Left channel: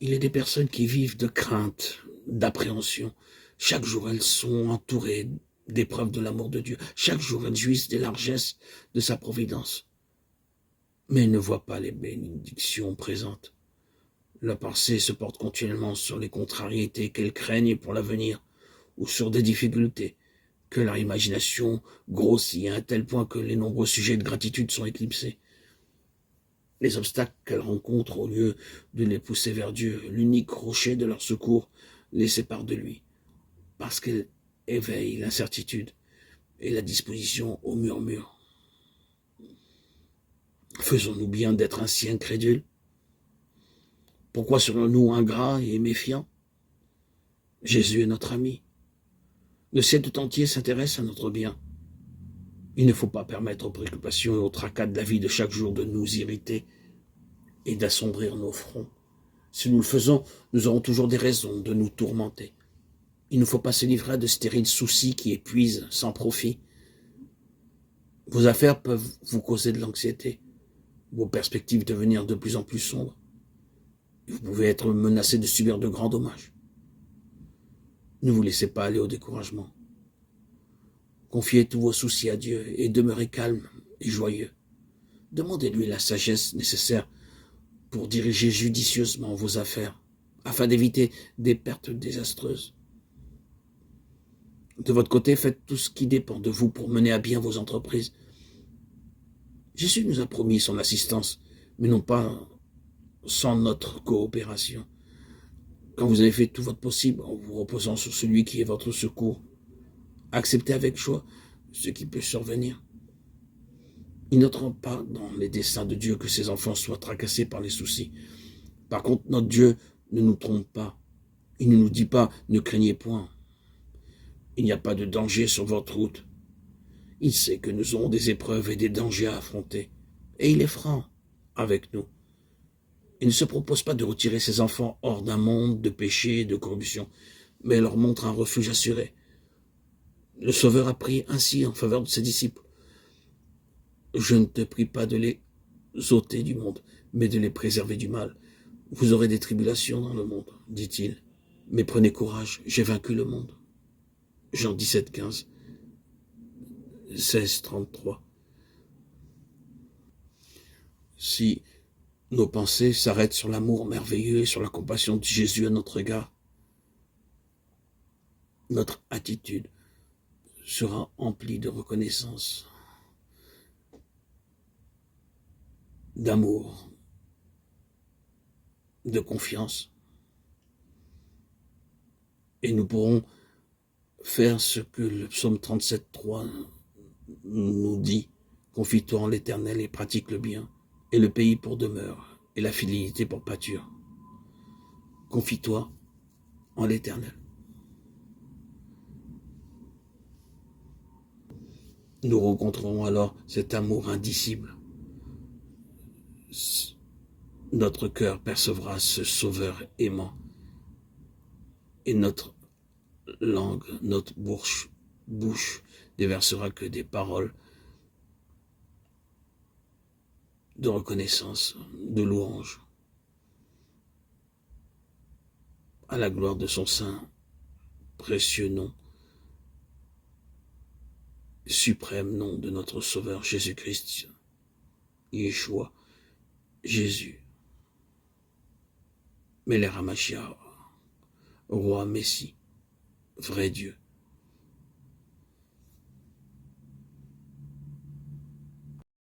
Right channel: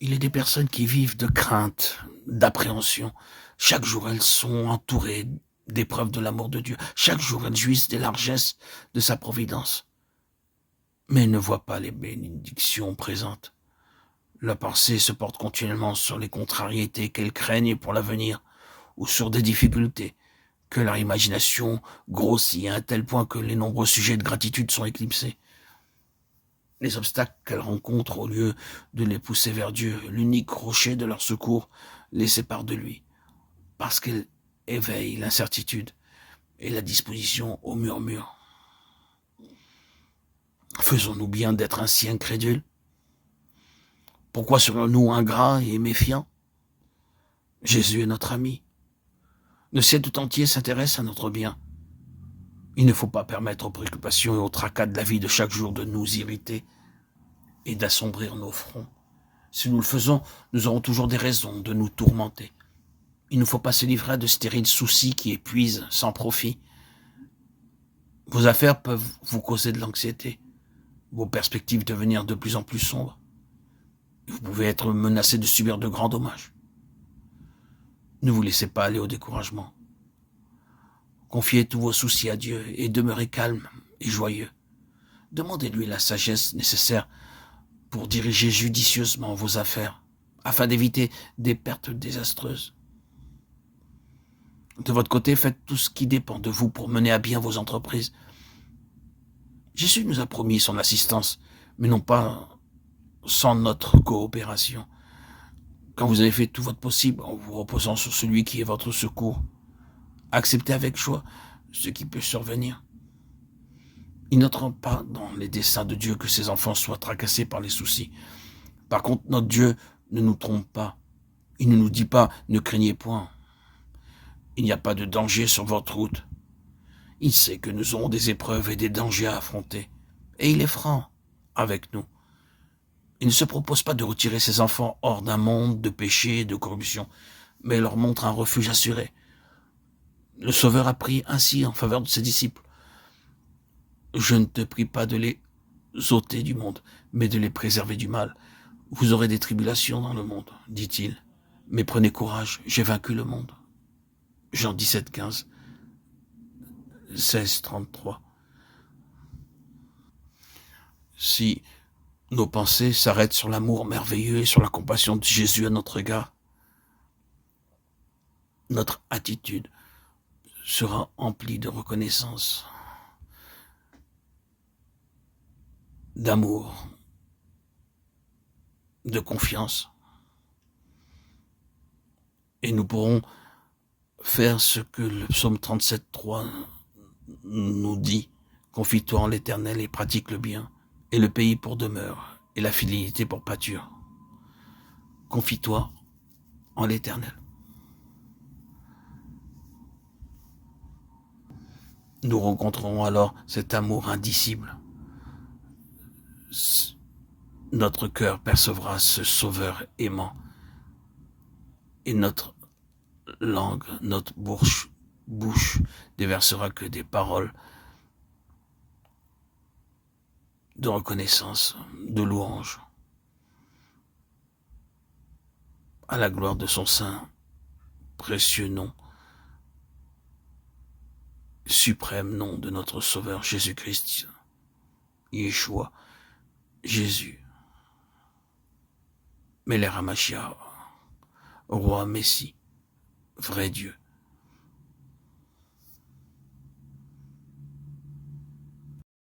Il est des personnes qui vivent de crainte, d'appréhension. Chaque jour, elles sont entourées d'épreuves de l'amour de Dieu. Chaque jour, elles jouissent des largesses de sa providence. Mais elles ne voient pas les bénédictions présentes. La pensée se porte continuellement sur les contrariétés qu'elles craignent pour l'avenir ou sur des difficultés que leur imagination grossit à un tel point que les nombreux sujets de gratitude sont éclipsés. Les obstacles qu'elles rencontrent, au lieu de les pousser vers Dieu, l'unique rocher de leur secours, les séparent de lui, parce qu'elles éveillent l'incertitude et la disposition au murmure. Faisons-nous bien d'être ainsi incrédules? Pourquoi serions-nous ingrats et méfiants? Jésus est notre ami. Le ciel tout entier s'intéresse à notre bien. Il ne faut pas permettre aux préoccupations et aux tracas de la vie de chaque jour de nous irriter et d'assombrir nos fronts. Si nous le faisons, nous aurons toujours des raisons de nous tourmenter. Il ne faut pas se livrer à de stériles soucis qui épuisent sans profit. Vos affaires peuvent vous causer de l'anxiété, vos perspectives devenir de plus en plus sombres. Vous pouvez être menacé de subir de grands dommages. Ne vous laissez pas aller au découragement. Confiez tous vos soucis à Dieu et demeurez calme et joyeux. Demandez-lui la sagesse nécessaire pour diriger judicieusement vos affaires, afin d'éviter des pertes désastreuses. De votre côté, faites tout ce qui dépend de vous pour mener à bien vos entreprises. Jésus nous a promis son assistance, mais non pas sans notre coopération. Quand vous avez fait tout votre possible en vous reposant sur celui qui est votre secours, acceptez avec joie ce qui peut survenir. Il n'entre pas dans les desseins de Dieu que ses enfants soient tracassés par les soucis. Par contre, notre Dieu ne nous trompe pas. Il ne nous dit pas « ne craignez point ». Il n'y a pas de danger sur votre route. Il sait que nous aurons des épreuves et des dangers à affronter. Et il est franc avec nous. Il ne se propose pas de retirer ses enfants hors d'un monde de péché et de corruption, mais leur montre un refuge assuré. Le Sauveur a pris ainsi en faveur de ses disciples. Je ne te prie pas de les ôter du monde, mais de les préserver du mal. Vous aurez des tribulations dans le monde, dit-il. Mais prenez courage, j'ai vaincu le monde. Jean 17, 15, 16, 33. Si nos pensées s'arrêtent sur l'amour merveilleux et sur la compassion de Jésus à notre égard, notre attitude sera emplie de reconnaissance, d'amour, de confiance. Et nous pourrons faire ce que le psaume 37, 3 nous dit. Confie-toi en l'Éternel et pratique le bien, et le pays pour demeure, et la fidélité pour pâture. Confie-toi en l'Éternel. Nous rencontrerons alors cet amour indicible. Notre cœur percevra ce Sauveur aimant, et notre langue, notre bouche déversera que des paroles de reconnaissance, de louange, à la gloire de son saint, précieux nom, suprême nom de notre Sauveur Jésus-Christ, Yeshua, Jésus, Melech HaMashiach, Roi Messie, vrai Dieu.